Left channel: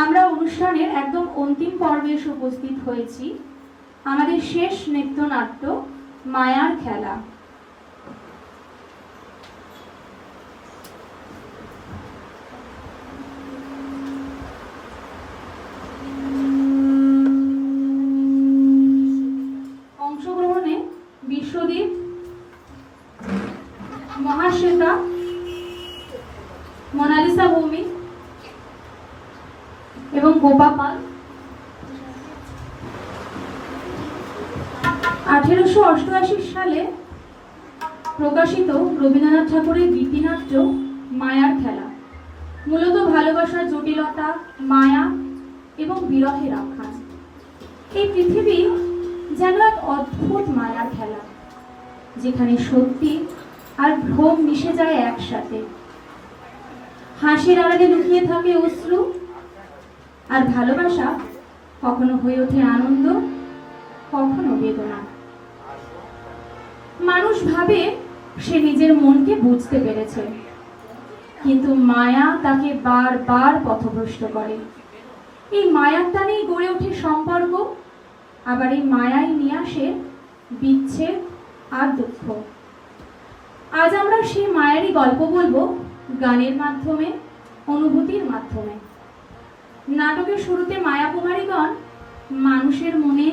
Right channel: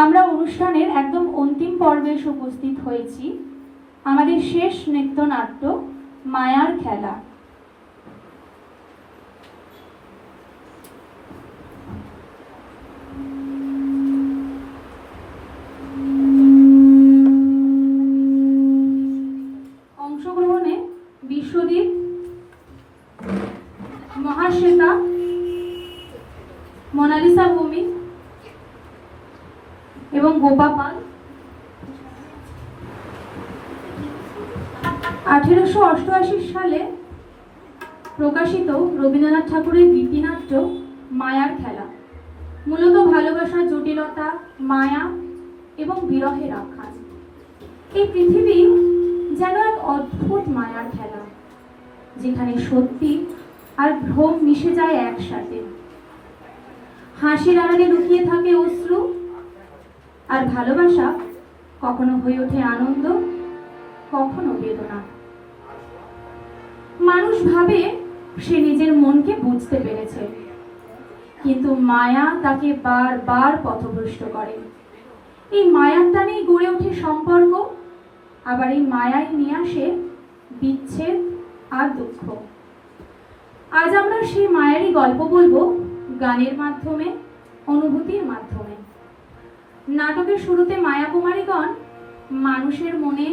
আমরা অনুষ্ঠানের একদম অন্তিম পর্বে এসে উপস্থিত হয়েছি। আমাদের শেষ নৃত্যনাট্য মায়ার খেলা। অংশগ্রহণে বিশ্বদীপ, মহাশ্বেতা, মোনালিসা ভৌমিক এবং গোপা পাল। 1888 সালে প্রকাশিত রবীন্দ্রনাথ ঠাকুরের গীতিনাট্য মায়ার খেলা মূলত ভালোবাসার জটিলতা, মায়া এবং বিরহের আখ্যান। এই পৃথিবী যেন এক অদ্ভুত মায়ার খেলা, যেখানে সত্যি আর ভ্রম মিশে যায় একসাথে। হাসির আড়ালে লুকিয়ে থাকে অশ্রু, আর ভালোবাসা কখনো হয়ে ওঠে আনন্দ, কখনো বেদনা। মানুষ ভাবে সে নিজের মনকে বুঝতে পেরেছে, কিন্তু মায়া তাকে বারবার পথভ্রষ্ট করে। এই মায়ার টানেই গড়ে ওঠে সম্পর্ক, আবার এই মায়াই নিয়ে আসে বিচ্ছেদ আর দুঃখ। আজ আমরা সেই মায়েরই গল্প বলবো গানের মাধ্যমে, অনুভূতির মাধ্যমে। নাটকের শুরুতে মায়া কুমারীগণ মানুষের মনে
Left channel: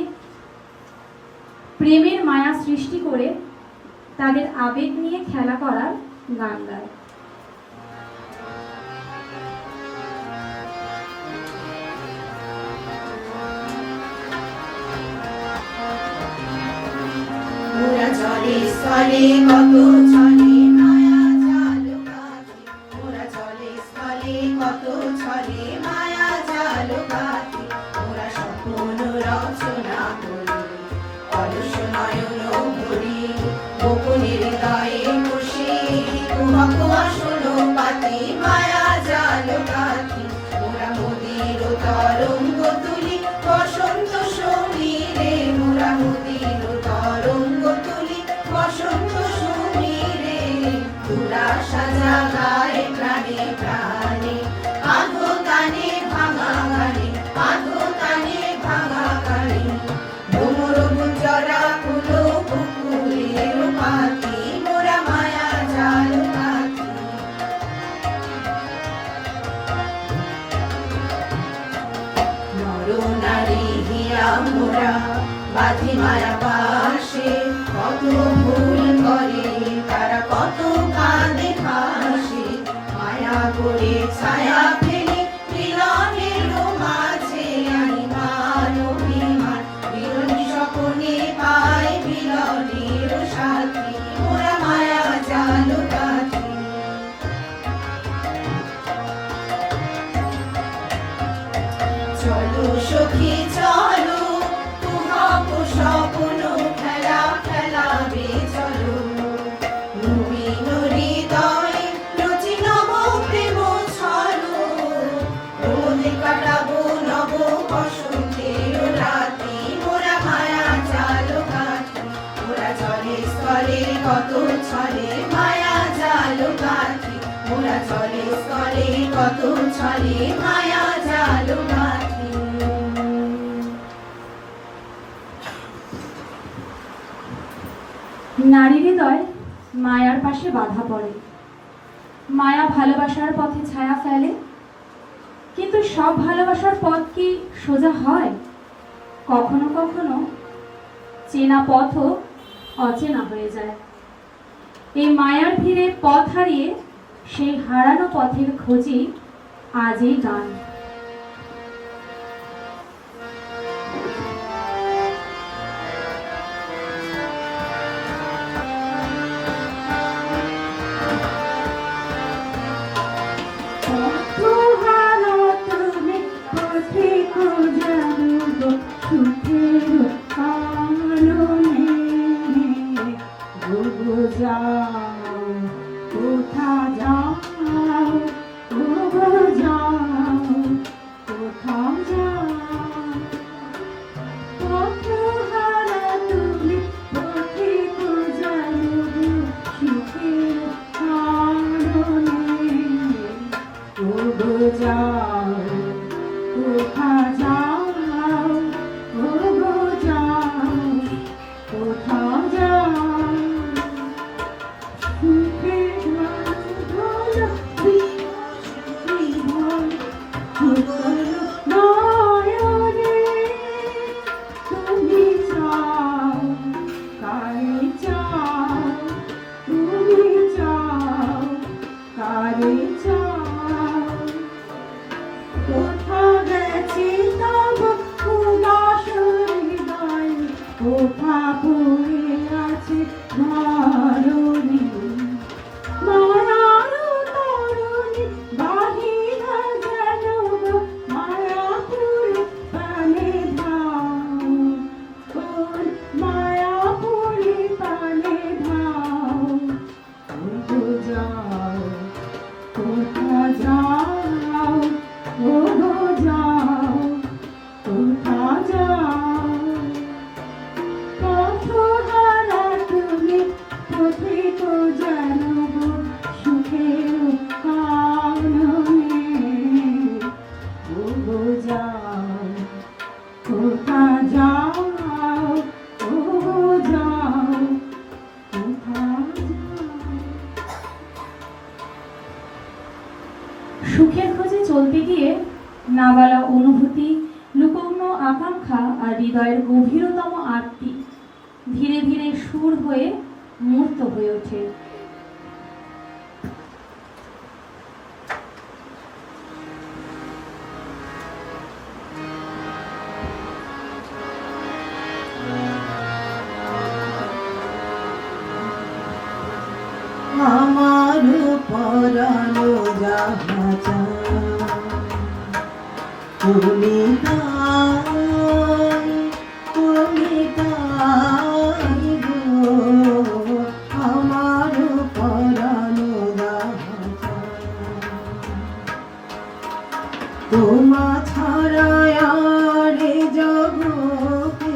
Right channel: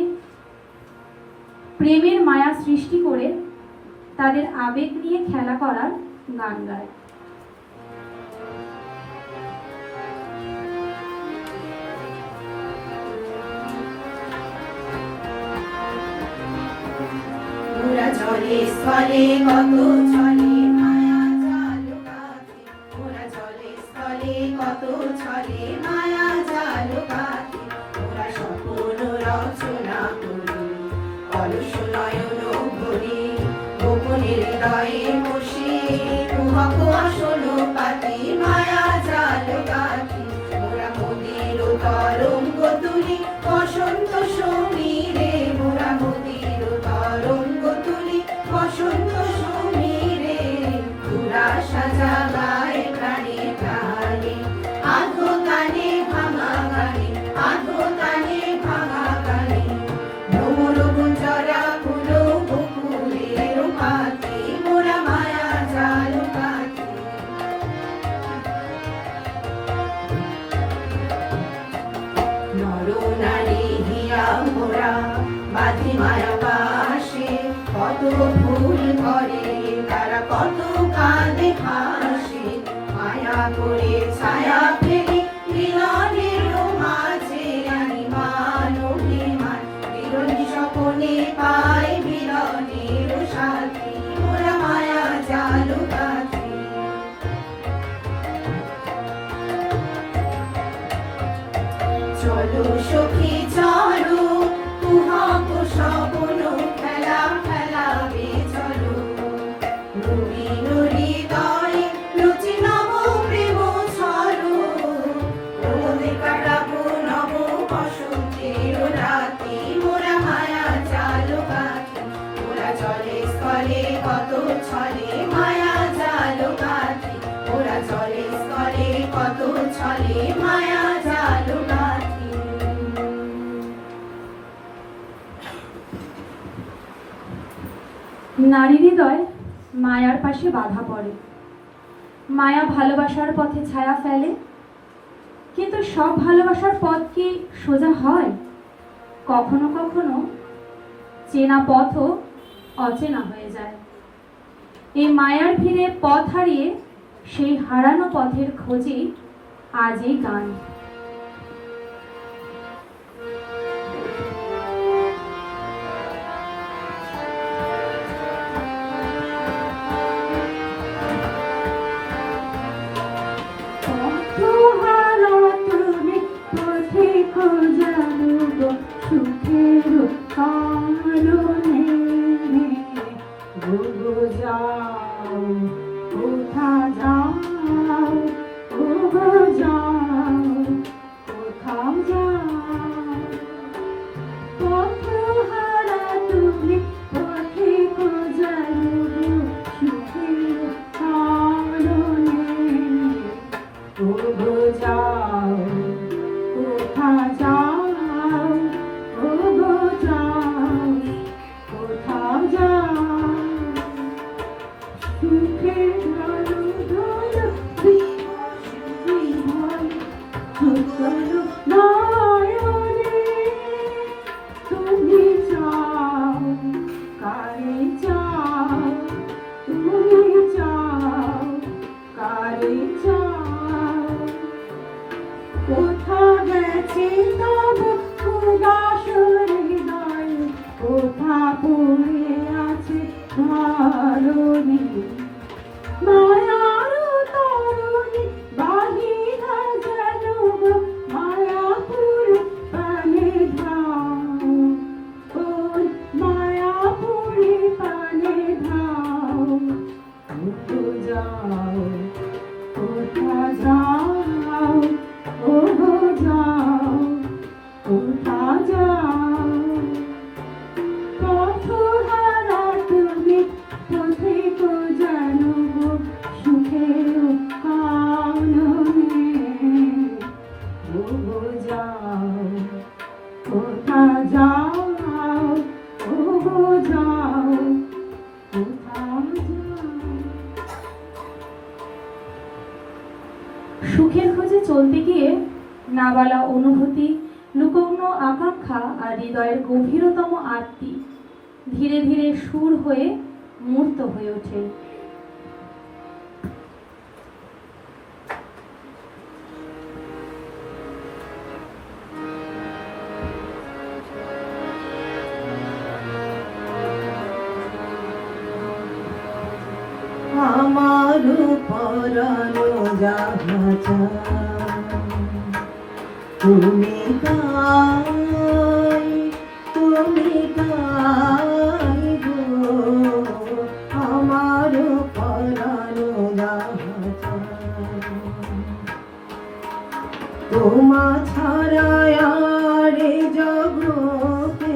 প্রেমের মায়া সৃষ্টি করে তাদের আবেগ নিয়ে খেলা করার গান গায়। ওরা চলে স্থলে কত চলে মায়া জাল পাখি, ওরা চলে স্থলে কত চলে মায়া জাল পাখি। ওরা স্বপ্ন রচনা করি, অলস নয়ন ভরি, গোপনের হৃদয়ে বসে তোমাকে আসল পাতি মায়া জাল পাখি। ওরা মোদির তরঙ্গ তুলি বসন্ত সমীরে, মোরা মোদির তরঙ্গ তুলি বসন্ত সমীরে। তুলা সাজা গায়ে প্রাণে প্রাণে, আধো গানে ভাঙা গানে, আধো গানে ভাঙা গানে। ভ্রমর গুঞ্জরা কুলো পুকুরের পাখি, মোরা মায়া জাল পাখি। নর নারী হিয়া মোরা বাঁধি মায়া পাশে, কত ভুল করে তারা, কত কাঁদে হাসে। মায়া করে ছায়া ফেলে মিলনের মাঝে, আনি মান অভিমান বিরোধী স্বপনে পায় মিলনের সাথী, মোরা মায়া জাল পাখি। চলো সখী চলো, তুহাক স্বপ্ন খেলা খেলাবে চলো। নবীন হৃদয়ে রুচি নব প্রেম ছলো, প্রমোদে কাটাবো নব বসন্তের রাতি, মোরা মায়া জাল পাখি। ওরা চলে স্থলে কত ছলে মায়া জাল পাখি, ওরা চলে স্থলে কত ছলে মায়া জাল পাখি। নারী হৃদয় মায়ার পাশে বাধা পড়ে, মায়া ভালোবাসার পথে ছায়া ফেলে, কিন্তু সব ভালোবাসার পথ কি সোজা হয়? কখনো কখনো চেনা পথও অচেনা হয়ে যায়। এই মায়ার ভিড়ে পথ হারিয়ে সেই হারানো পথের খোঁজেই আজ এই গান। যাও, কোথা যাও, ও গো যাও, কোথা যাও। পথহারা তুমি পথিক যেন সুখের কাননে, ও গো যাও, কোথা যাও, ও গো যাও, কোথা যাও। সুখের খোঁজে চলতে গিয়ে নাবালা অনুভূতি, লুকোনো আকাঙ্ক্ষা আর হৃদয়ের গভীরতম আরতি ধীরে ধীরে সুর হয়ে মূর্ত হয়ে ওঠে। আমার পরানো যাহা চায়, তুমি তাই, তুমি তাই গো। আমার পরানো যাহা চায়, তোমা ছাড়া আর এ জগতে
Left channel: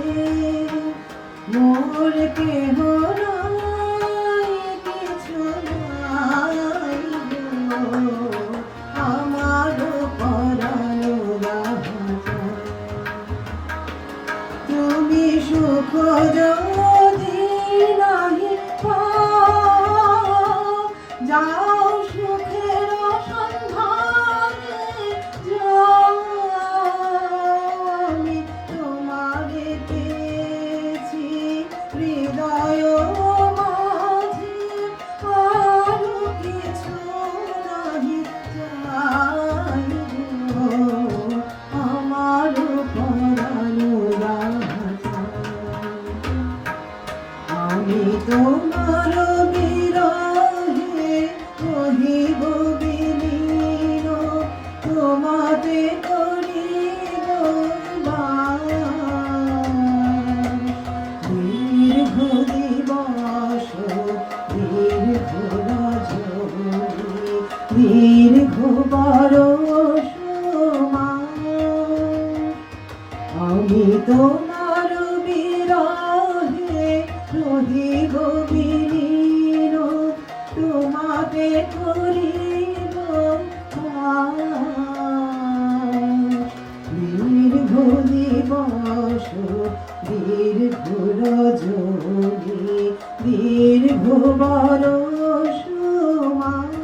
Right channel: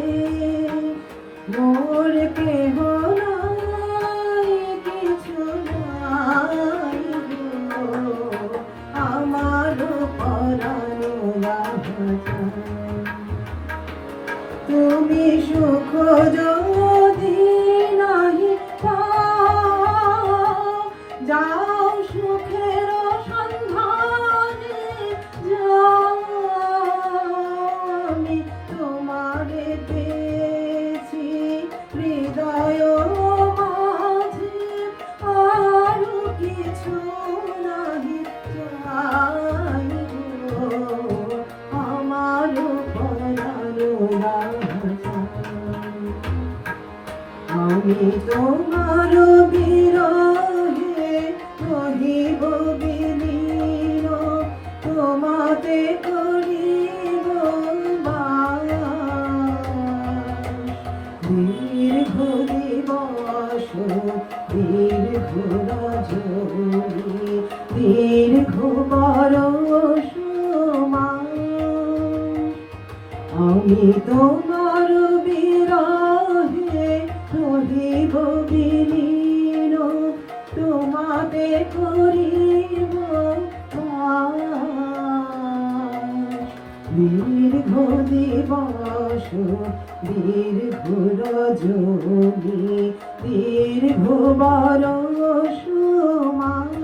মোর কেহ নাই, কিছু নাই গো। আমার পরানো যাহা চায়, তুমি সুখ যদি নাহি পাও, যাও সুখের সন্ধানে যাও। আমি তোমারে পেয়েছি হৃদয় মাঝে, আরো কিছু নাহি চাই গো। আমার পরানো যাহা চায়, আমি তোমার বিরহে রহিব বিলীন, তোমাতে করিব বাস। দীর্ঘ দিবস দীর্ঘ রজনী, দীর্ঘ বরষ মাস, আমি তোমার বিরহে রহিব বিলীন, তোমাতে করিব বাস। দীর্ঘ দিবস দীর্ঘ রজনী, দীর্ঘ বরষ মাস,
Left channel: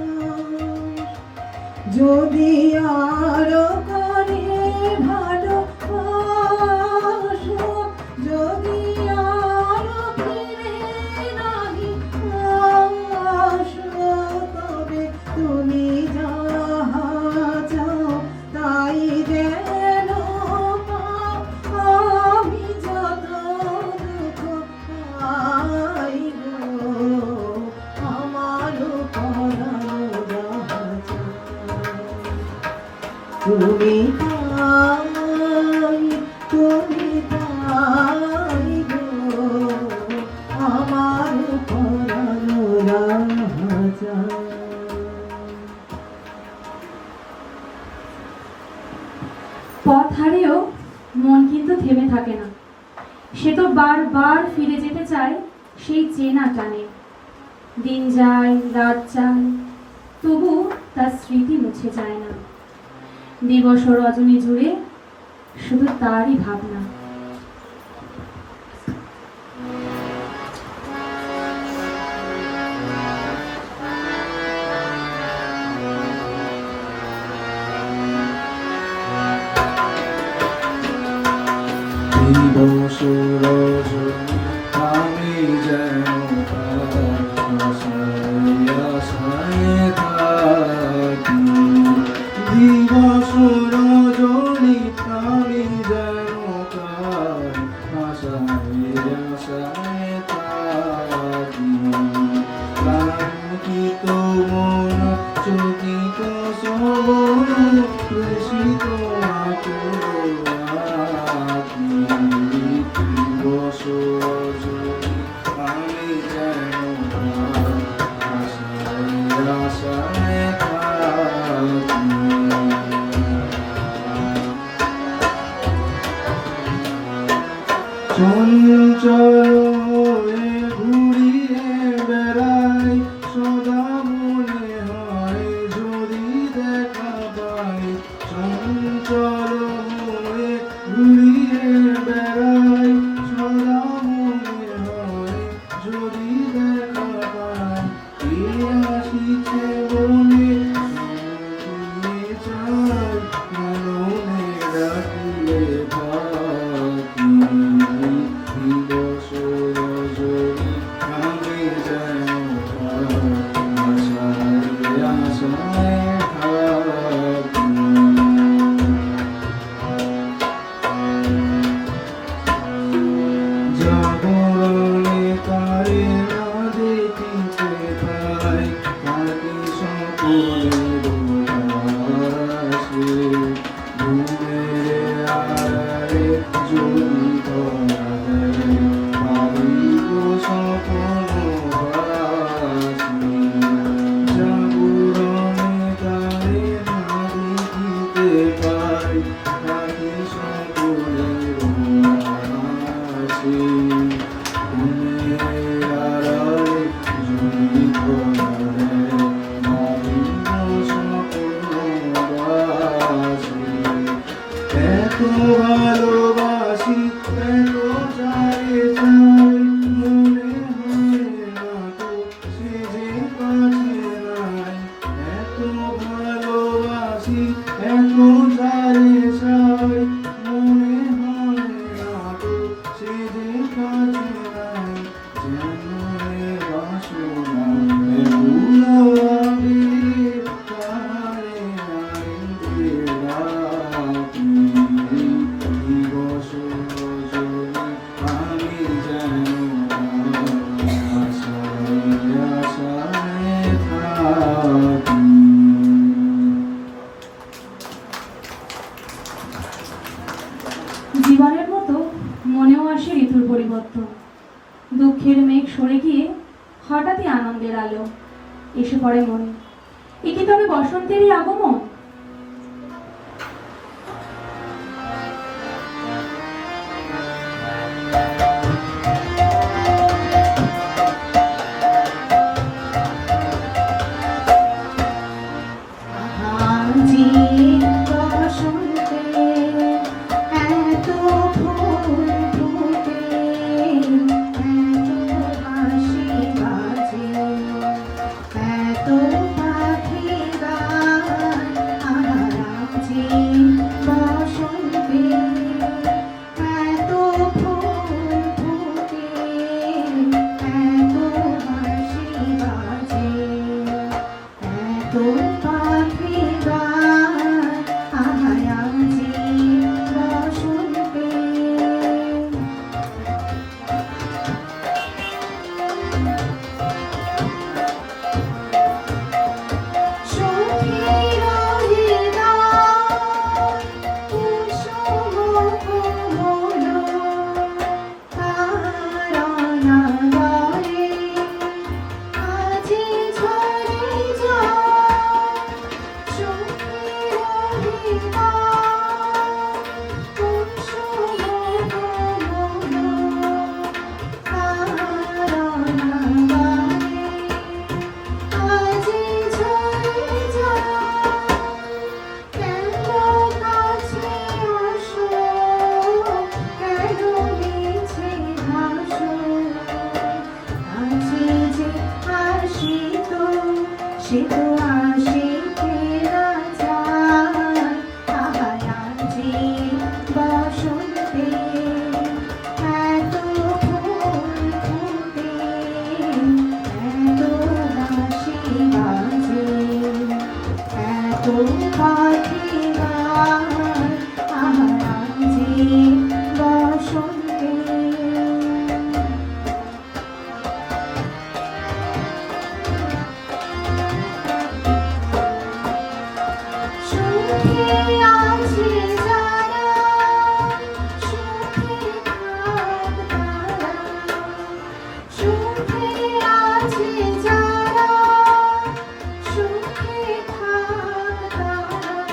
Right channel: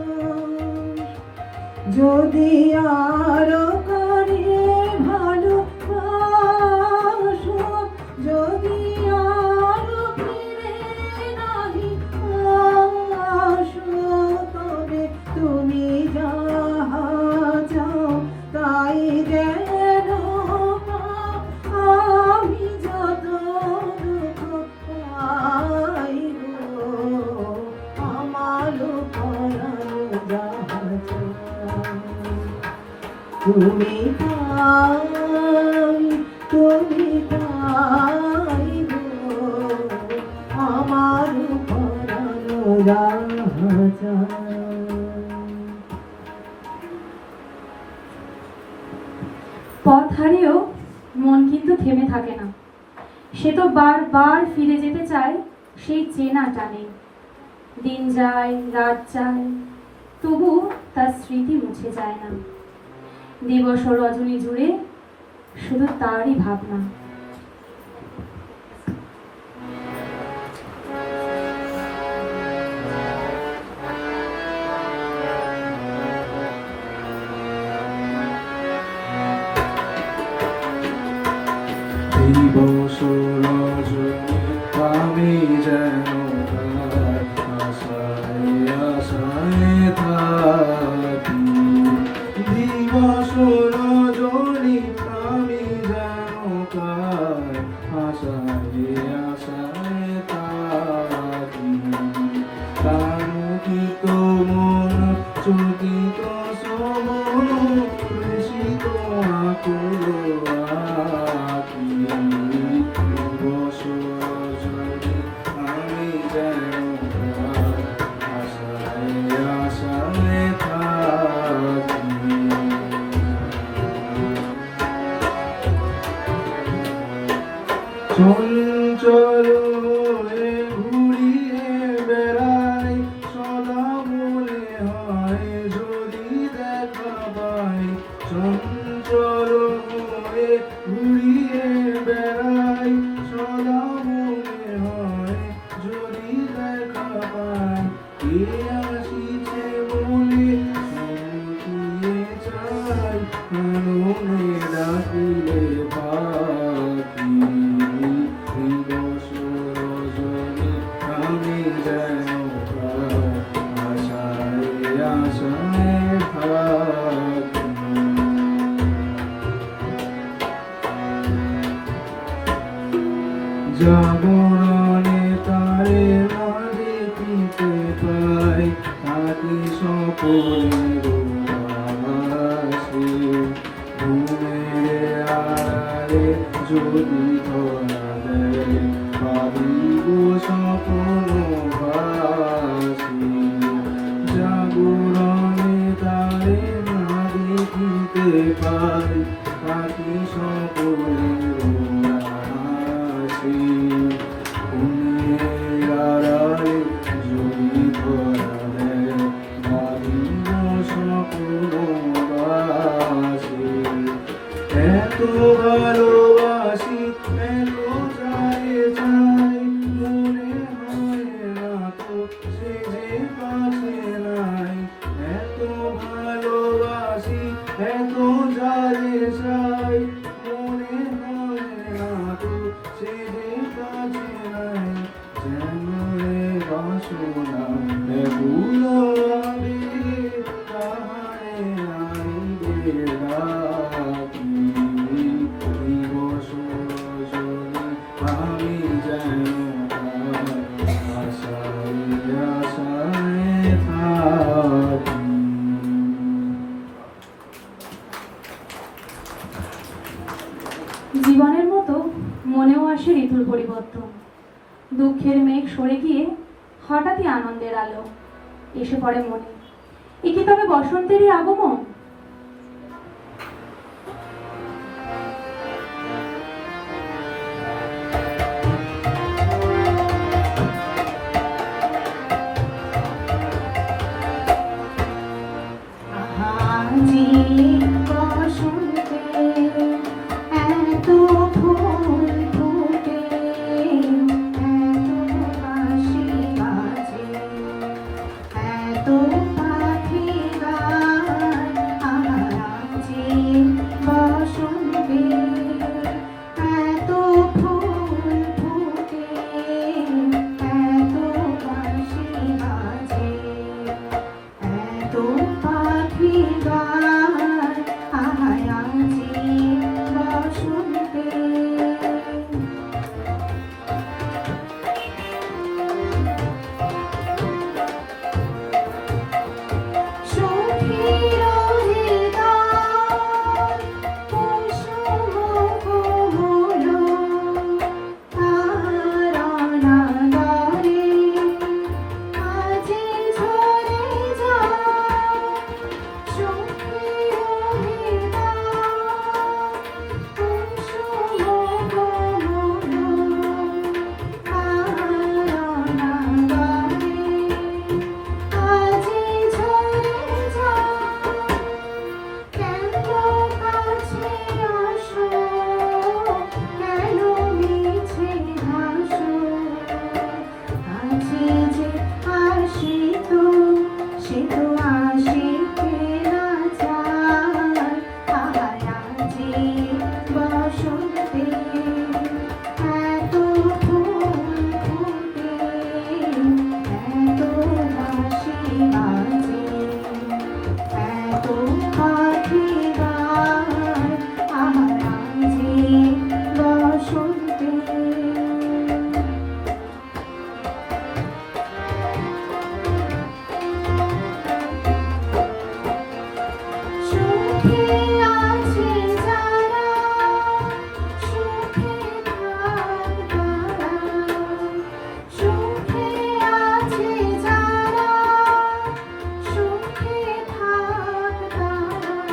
যদি আর করে ভালোবাসো, যদি আর ফিরে নাহি আসো, তবে তুমি যাহা চাও তাই যেন পাও। আমি যত দুঃখ পাই গো, আমার পরানো যাহা চায়, তুমি তাই, তুমি তাই গো। আমার পরানো যাহা চায়। পথ হারিয়েও মন কিন্তু থেমে থাকে না, সে তো বারবার ফিরে যেতে চায় সেই চেনা টানে। দিন যায়, রাত যায়, তবু তার স্মৃতি মুছে যায় না। দিবস ও রজনী জুড়ে শুধু তারই ভাবনা। দিবস রজনী আমি যেন আশায় আশায় থাকি, দিবস রজনী আমি যেন আশায় আশায় থাকি। কাঙ্ক্ষিত মন চকিত শ্রবণ প্রেষিত আকুল আঁখি, দিবস রজনী আমি যেন আশায় চঞ্চল হয়ে ঘুরিয়ে বেড়াই, সদা মনে হয় যদি দেখা পাই। চঞ্চল হয়ে ঘুরিয়ে বেড়াই, সদা মনে হয় যদি দেখা পাই। কে আসিছে বলে শুনিয়ে চাই, মনে ডাকিলে পাখি। দিবস রজনী আমি যেন আশায় আশায় থাকি। জাগরণে তারে না দেখিতে পাই, থাকি সকলের পাশে। ঘুমের আড়ালে যদি ধরা দেয়, ভাবিব স্বপ্ন ভাসে। জাগরণে তারে না দেখিতে পাই, থাকি সকলের পাশে। ঘুমের আড়ালে যদি ধরা দেয়, ভাবিব স্বপ্ন ভাসে। এত ভালোবাসি, এত চাই চাই, মনে হয় না তো সে যে কাছে নাই। এত ভালোবাসি, এত চাই চাই, মনে হয় না তো সে যে কাছে নাই। যেন এ বাসনা বেহুল আবির, তারে আইবে ডাকি। দিবস রজনী আমি যেন আশায় আশায় থাকি। জীবনের মতো মনেও আসে ঋতুর পরিবর্তন। দুঃখের মেঘ সরে গিয়ে হঠাৎই আনন্দের আলো এসে পড়ে মনে। এ কি তবে বসন্তেরই আগমন? আজি বসন্তে এত ফুল ফুটে, এত বাঁশি বাজে, এত পাখি গায়। আজি বসন্তে এত ফুল ফুটে, এত বাঁশি বাজে, এত পাখি গায়। আজি বসন্তে সুখের হৃদয় কুসুম হলো, তারা গায়ে আজি ঝরে যায়। সুখের হৃদয় কুসুম হলো, তারা গায়ে আজি ঝরে যায়। কেন কাছে আসো, কেন মিছে ভাসো, আজি যে আসিত সে তো আসিতে না চায়। আজি বসন্তে এত ফুল ফুটে, এত বাঁশি বাজে, এত পাখি গায়। আজি বসন্তে সুখে আছে যারা, সুখে থাক তারা। সুখে আছে যারা, সুখে থাক তারা।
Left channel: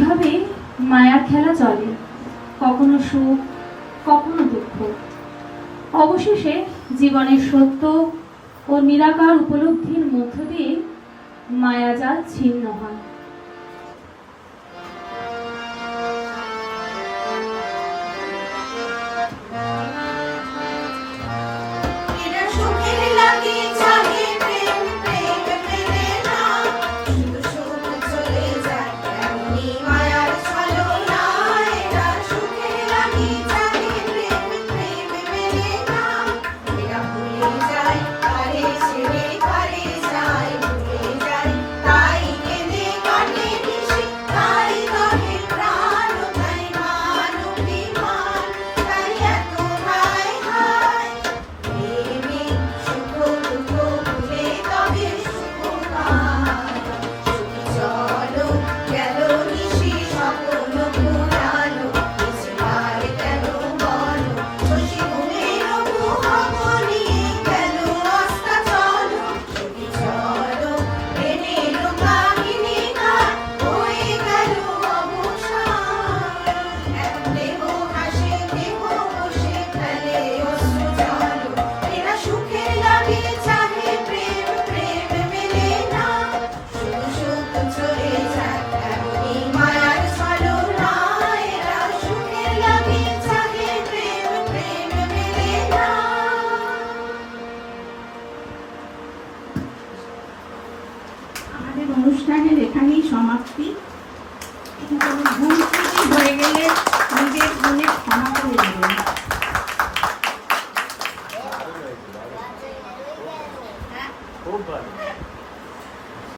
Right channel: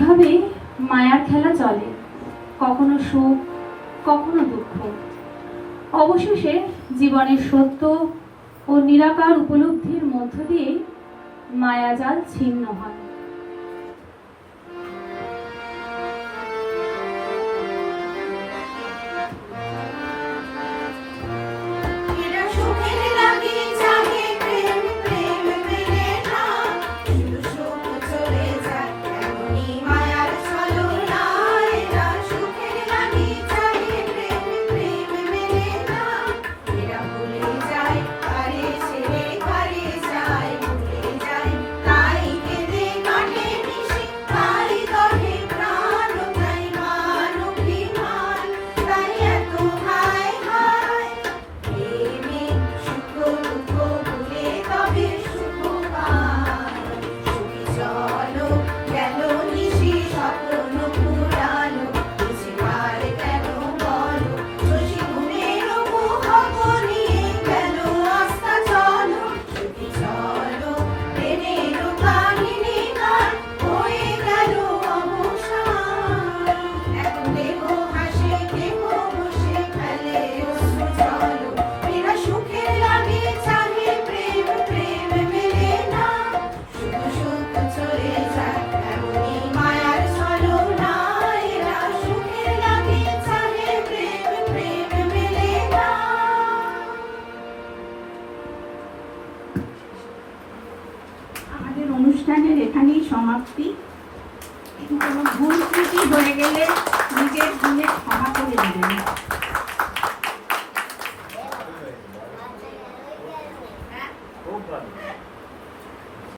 এইভাবে মায়ার খেলা চলে, কখনো সুখ, কখনো দুঃখ। অবশেষে জীবনের সত্য ও নিরাকার উপলব্ধির মধ্য দিয়ে মায়াজাল ছিন্ন হয়। এরা সুখের লাগি চাহে প্রেম প্রেম মেলে না, শুধু সুখ চলে যায় এমনি মায়ার ছলনা। এরা সুখের লাগি চাহে প্রেম প্রেম মেলে না, এরা ভুলে যায় কারে ছেড়ে কারে যায়, ভুলে যায় তাই কেঁদে কাটে নিশি, তাই দহে প্রাণ তাই মান অভিমান, তাই এত হায় হায়। প্রেমে সুখ দুঃখ ভুলে তবে সুখ পায়, সুখী চলো গেল নিশি স্বপ্ন পুরানো, কিছু আর কেন বলো শশী ঘুমের মোহক নিয়ে গেল আস্থা চলো, সুখী চলো প্রেমের কাহিনী গান হয়ে গেল অবসান। এক দেহ হাসি দেহ বসে ফেলে অশ্রু চলো, এরা সুখের লাগে চাহে প্রেম প্রেম মেলে না, শুধু সুখ চলে যায় এমনি মায়ার ছলনা। এরা সুখের লাগে চাহে প্রেম প্রেম মেলে না। আমাদের অনুষ্ঠানের এখানেই সমাপ্তি। কোনো ভুল ত্রুটি হয়ে গেলে নিজের ভুলে ক্ষমা করে দেবেন।